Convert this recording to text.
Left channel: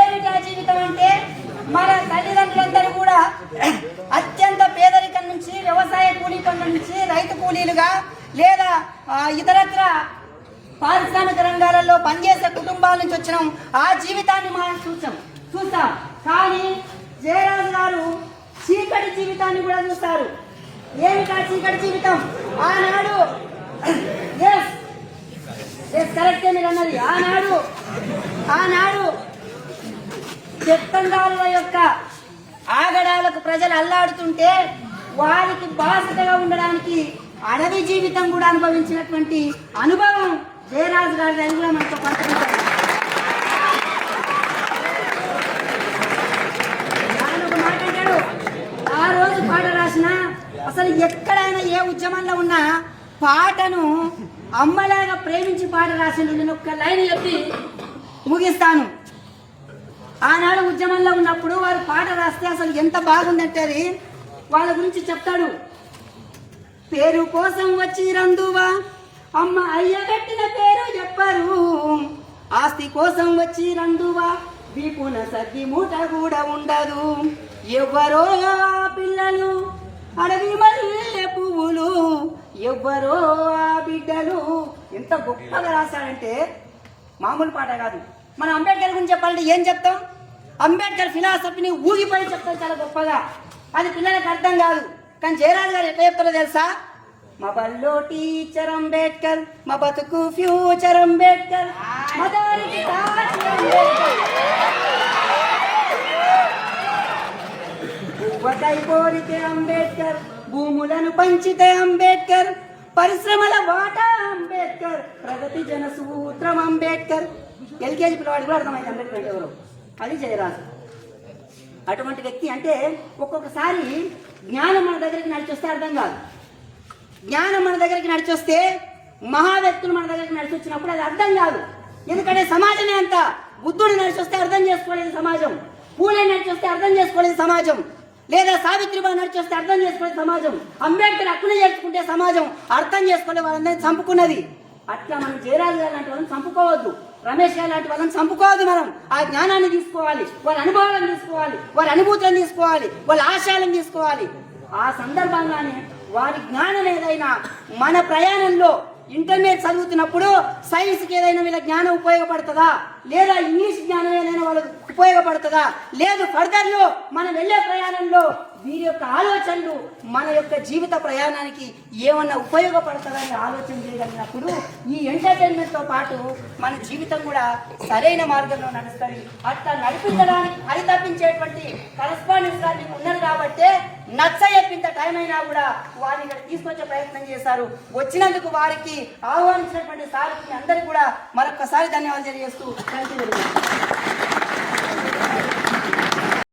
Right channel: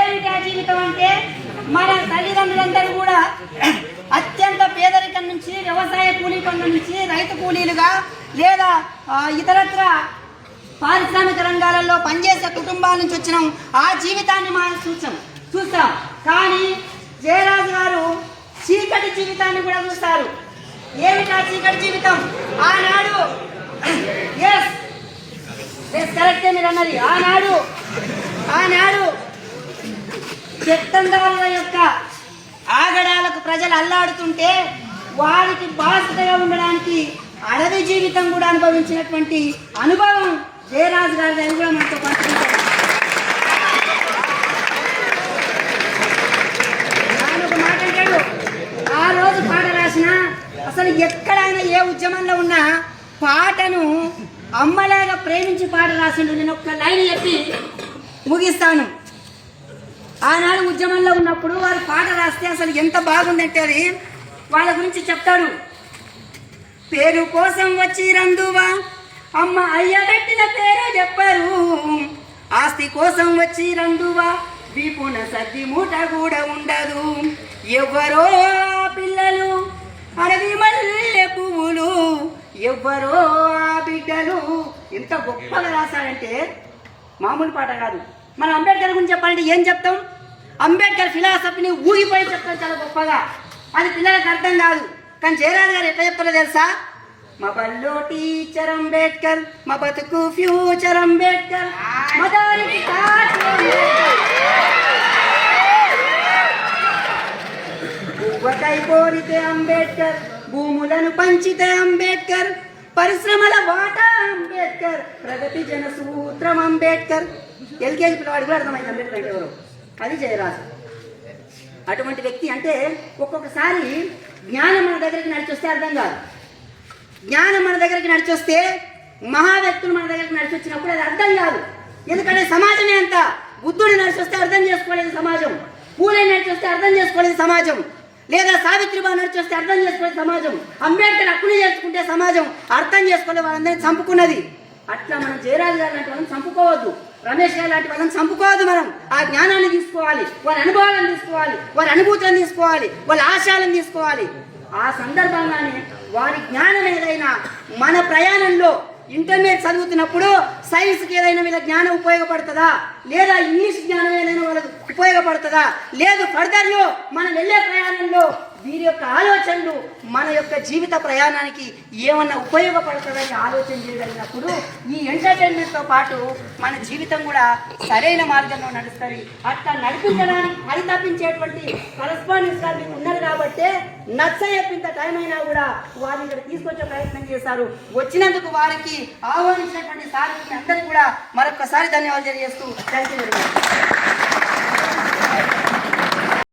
ఏమిటి ఆ జీవితం అంటే? మన తల్లిదండ్రులందరూ కూడా అత్యంత పేదరికం నుంచి వ్యవసాయ కూలీ పనుల నుంచి రైతు కూలీలుగా లేదా ఇతరత్ర పారిశ్రామిక రంగాలలో పనిచేసే కుటుంబాల నుంచి వచ్చిన. ఆ జీవితాన్ని మనం చూసాం చూస్తాం. కానీ జయరాజు గారు చీకటి జీవితాన్ని కూడా చూస్తారు. ఏమిటి ఆ చీకటి జీవితం? ఆనాడు ఎస్ ఎస్ కరెక్టే మీరు అన్నది. ఆనాడు ఆనాడు చెత్తండాల యొక్క ఆగడాలకు ప్రజలు అల్లాడుతుంటే వారికి బాధ్యతగా ఉండడానికి అడవి జీవితం కూడా అనుభవించినటువంటి అనుభవం జయరాజు గారి దగ్గర కూడా మనతో పంచుకుంటారు ఒక మాట అంటాడు. ఆ రోజు పాట రాసిన అసలు ఎక్కడైనా ఏ ఉద్యమంలో ఉన్నా పాటను అమ్మలాగా ప్రేమించి పాట రాసిండు. నేను ఒక్క లైన్ చెప్పి ముగిస్తాను. ఆనాడు ఉద్యమంలో ఉన్నప్పుడు వారు పాట రాస్తే అసలు ఎంత బాగుందంటే అది. వాళ్ళ గురించి చెప్తాడు. పేరు కోసం వచ్చి రందువా? అమ్మ అయ్య పెట్టిన పేరు చెప్పరు. ఆస్తి కోసం వచ్చి రందువా? దీపున సద్ది మూట కూడా ఉండదు. ఎవ్వరో పిల్లలు అడవి మల్లె పువ్వులు. ఎవ్వరో ఆ బిడ్డలు. ఎంత గొప్పగా రాశాడంటే మామూలు పాట కాదు. మన అంబేద్కర్ గురించి చెప్పాలంటే ఏం చెప్తాం? అంబేద్కర్ ఫిలాసఫీని ఊగిపోయి చెప్తాను చాలా గొప్పగా. అది పిల్లలకు అర్థం కాదు. కానీ జయరాజు గారు ఎట్లా చెప్తారో తెలుసా? మా బల్లో టీచర్ అంబేద్కర్ మా బతుకు ఫ్యూచర్ అంబేద్కర్ మా అంబేద్కర్. కోరితే అంబేద్కర్ భూములను పంచితే అంబేద్కర్ పరిశ్రమల వాటా అంబేద్కర్ ప్రగతి జన సూత్రం అంబేద్కర్. ఎల్కేజీ పిల్లవాడు కూడా అర్థమైంది అంబేద్కర్ అంటే ఎవరు. అది జయరాజు. అటువంటి వ్యక్తి అంటే ఒక్కొక్కసారి జ్ఞానం మన దగ్గరికి నడిచొస్తే అర్థం కాదు. జ్ఞానం మన దగ్గరికి నడిచొస్తే మహా వ్యక్తులు మన దగ్గరికి నడిచి వచ్చినప్పుడు అది అర్థం కాదు. ఎందుకంటే సమాజమే అంత బుద్ధుడు నడిచొస్తే అర్థం చేసుకోలేదు సమాజం. పూలే నడిచొస్తే అర్థం చేసుకోలేదు సమాజం. లేదా సావిత్రిబాయి నడిచొస్తే అర్థం చేసుకోలేదు సమాజం. అంబేద్కర్ హక్కుని చేసుకుంటే సమాజం అర్థం చేసుకోలేదు వాళ్ళందరినీ చంపుకున్నది. అట్లా మనం జయరాజు గారు లాంటి వాళ్ళని చంపుకోవద్దు. రమేష్ గారు లాంటి వాళ్ళని చంపుకోవద్దు మనం. ఆ జ్ఞానాన్ని తీసుకోవాలి వారి అనుభవాలను తీసుకోవాలి వారి అనుభూతులను తీసుకోవాలి వాళ్ళ ఆశయాలను తీసుకోవాలి. ఆ సందర్భంగానే వారి జ్ఞానం ఏదైనా మన ప్రయాణంలో ఇంటర్మీడియట్ చదువుతున్నప్పుడు సైన్స్కి ఏదైనా వీళ్ళ జ్ఞానం ఉపయోగపడుతుందా? లేదా ఇంగ్లీష్ జ్ఞానం ఏదైనా వాళ్ళకి ఉపయోగపడుతుందా? లేదు ఫర్దర్లో మనం వెళ్ళే ప్రయాణంలో వీరి యొక్క ఆలోచనలు మన యొక్క జీవిత ప్రయాణానికి ఏమన్నా ఉపయోగపడుతుందని ఆలోచన చేయగలిగినప్పుడు ఈ ఎంటర్టైన్మెంట్తో పాటు మన జీవితం కూడా సరైన మార్గంలో నడుస్తుంది. అట్లా నడిపించడానికి పరితపించేటువంటి కరస్పాండెన్స్ గారు మీకు ఉన్నారు కాబట్టి నచ్చ చెప్పింత టైం అయినా కూడా వారిని ఇక్కడ తీసుకొచ్చే ప్రయత్నం చేశారు. వచ్చినందుకు వారికి ఆహ్వానించినటువంటి సార్ అందరికీ కూడా మరొకసారి ధన్యవాదాలు తెలియజేస్తూ நன்றி வருகிறேன்